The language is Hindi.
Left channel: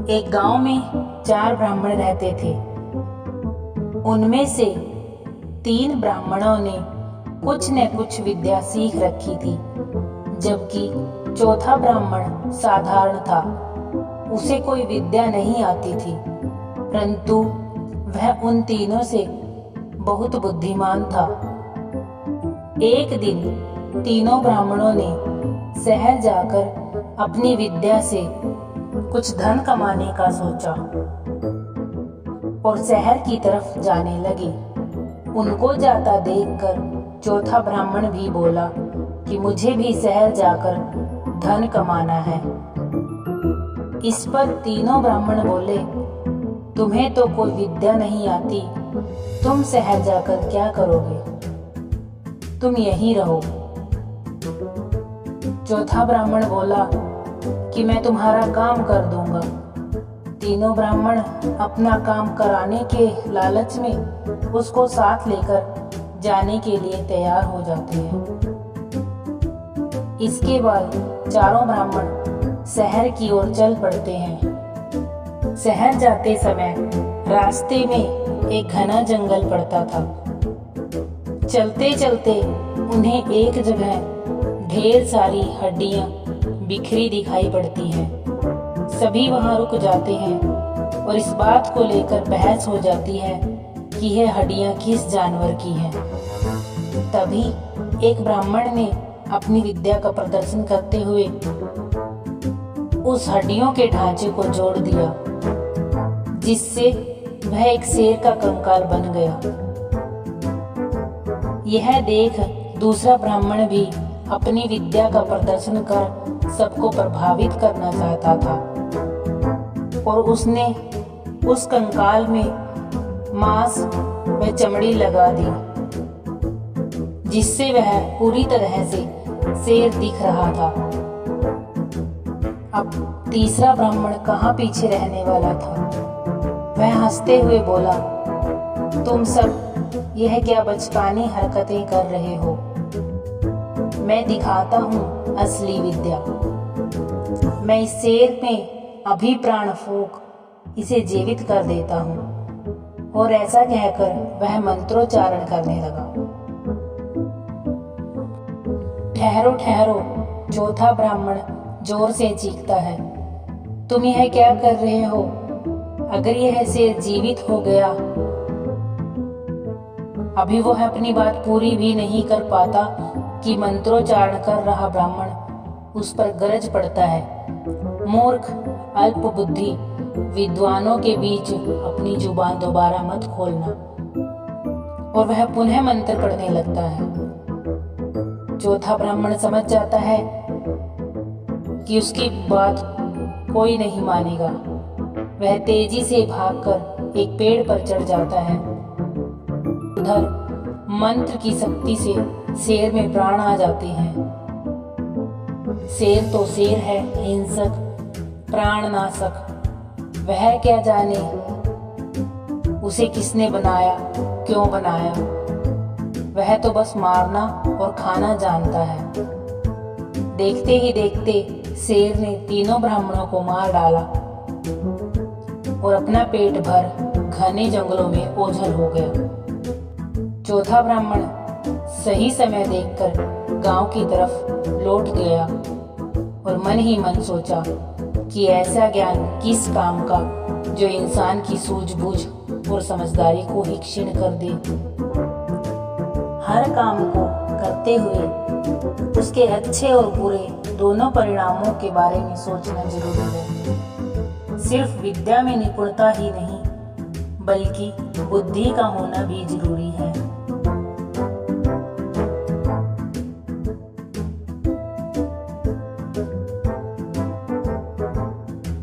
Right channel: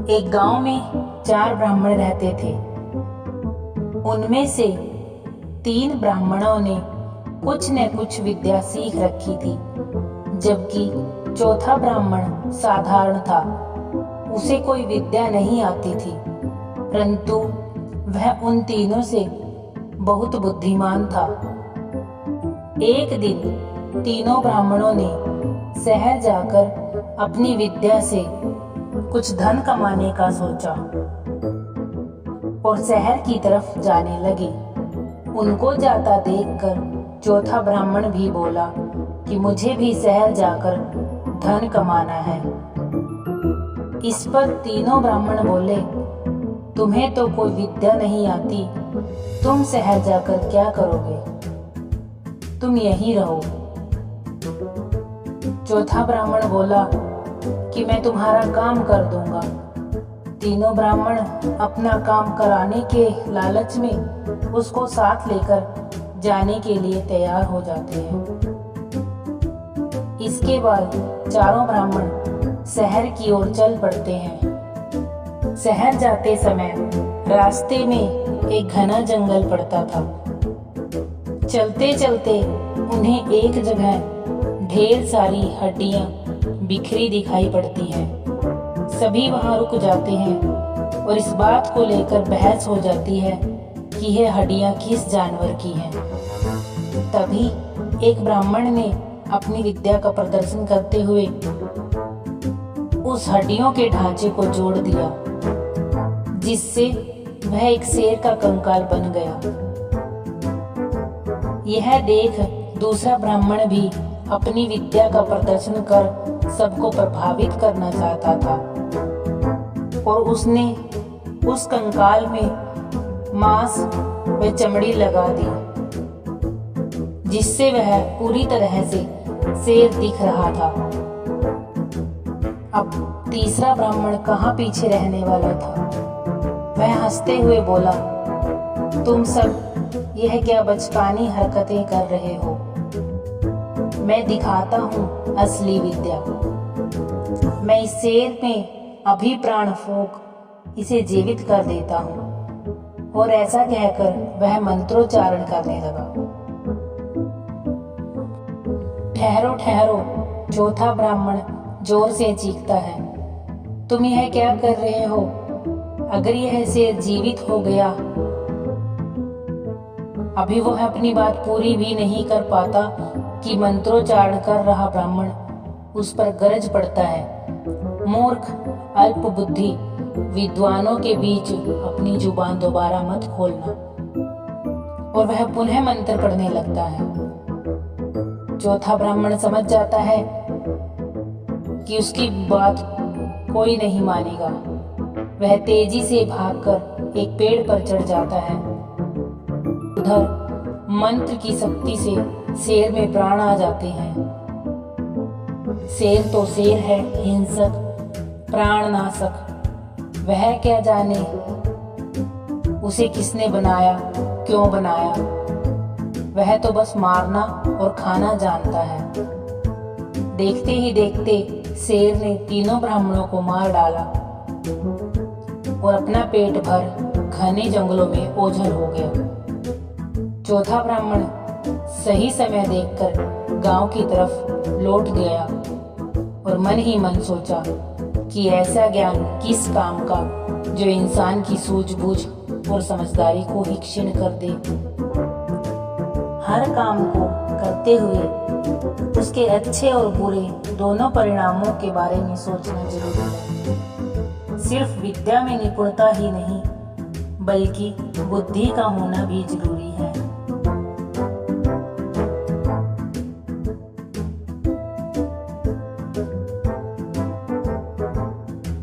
एक गांव में 4 ब्राह्मण रहते थे। उनमें से 3 ब्राह्मणों ने कुछ न कुछ विद्या सीख रखी थी, जबकि चौथा ब्राह्मण साधारण था। उसे कोई विद्या नहीं आती थी, परंतु वह उन तीनों से बहुत बुद्धिमान था। एक दिन तीनों ब्राह्मणों ने शहर जाकर अपनी विद्या से कुछ धन कमाने का सोचा और शहर की तरफ जाने लगे। उनको जाता देखकर चौथा ब्राह्मण भी बोला कि मुझे भी शहर जाकर धन कमाना है। इस पर तीनों ब्राह्मण बोले, तुम्हें तो कोई विद्या नहीं आती, तुम शहर जाकर क्या करोगे? तुम यहीं रहो। चौथा ब्राह्मण बोला कि मैं तुम्हारा काम कर दूंगा। तीनों ब्राह्मण अपना काम कराने के लालच में उसको साथ लेकर जाने के लिए तैयार हो जाते हैं। इसके बाद चारों ब्राह्मण शहर की ओर चल पड़ते हैं। शहर जाते समय रास्ते में एक घना जंगल पड़ता था। चलते चलते उन्हें एक जगह ढेर सारी हड्डियां बिखरी दिखाई पड़ती हैं। सभी वहां रुक जाते हैं और इस बात को लेकर बहस हो जाती है कि यह हड्डियां किस जानवर की हैं। तभी एक ब्राह्मण ने अपनी विद्या का प्रदर्शन करते हुए उस हड्डियों के ढांचे को जोड़ दिया, जिससे वह एक शेर का कंकाल बन गया। यह देख दूसरा ब्राह्मण भी अपनी विद्या का प्रदर्शन कर सबको प्रभावित करना चाहता था और उसने उस कंकाल में मांस व चमड़ी लगा दी, जिससे वह पूरी तरह से शेर दिख रहा था। अब तीसरा ब्राह्मण कहाँ पीछे रहने वाला था। वह हंसते हुए बोला, तुम सब यह क्या बचकानी हरकतें कर रहे हो? मैं दिखाता हूँ असली विद्या। मैं इस शेर में अभी प्राण फूंक इसे जीवित कर देता हूँ। और ऐसा कहकर वह मंत्रोच्चारण करने लगा। ठहरो ठहरो, चौथा ब्राह्मण जोर से चीखता है, तुम यह क्या कर रहे हो? अगर यह शेर जीवित हो गया, अभी वह अपनी बात पूरी भी नहीं कर पाता कि मंत्रोच्चारण कर रहा ब्राह्मण उस पर गरज पड़ता है, मूर्ख, अल्प बुद्धि, विद्वानों के बीच अपनी जुबान दोबारा मत खोलना। और वह पुनः मंत्र पढ़ने लगता है। चौथा ब्राह्मण समझ जाता है कि उसकी बात कोई नहीं मानेगा। वह तेजी से भागकर एक पेड़ पर चढ़ जाता है। उधर मंत्र की शक्ति से शेर में प्राण आ जाते हैं। शेर तो शेर है, हिंसक, प्राणनाशक। वह क्या जाने उसे किसने बनाया, क्यों बनाया। वह तो बस मारना और खाना जानता है। देखते ही देखते शेर ने तीनों ब्राह्मणों को मार डाला और अपना पेट भर घने जंगलों में ओझल हो गया। चौथा ब्राह्मण सही समय देखकर गांव की तरफ लौट गया और मन ही मन सोचा कि ऐसा ज्ञान किस काम का जो इंसान की सूझबूझ और समझदारी को ही क्षीण कर दे। हर काम को करते हुए उसके अच्छे और बुरे दोनों परिणामों के बारे में सोचना जरूरी है। सिर्फ विद्या में निपुणता ही नहीं, बल्कि बुद्धि का होना भी जरूरी है।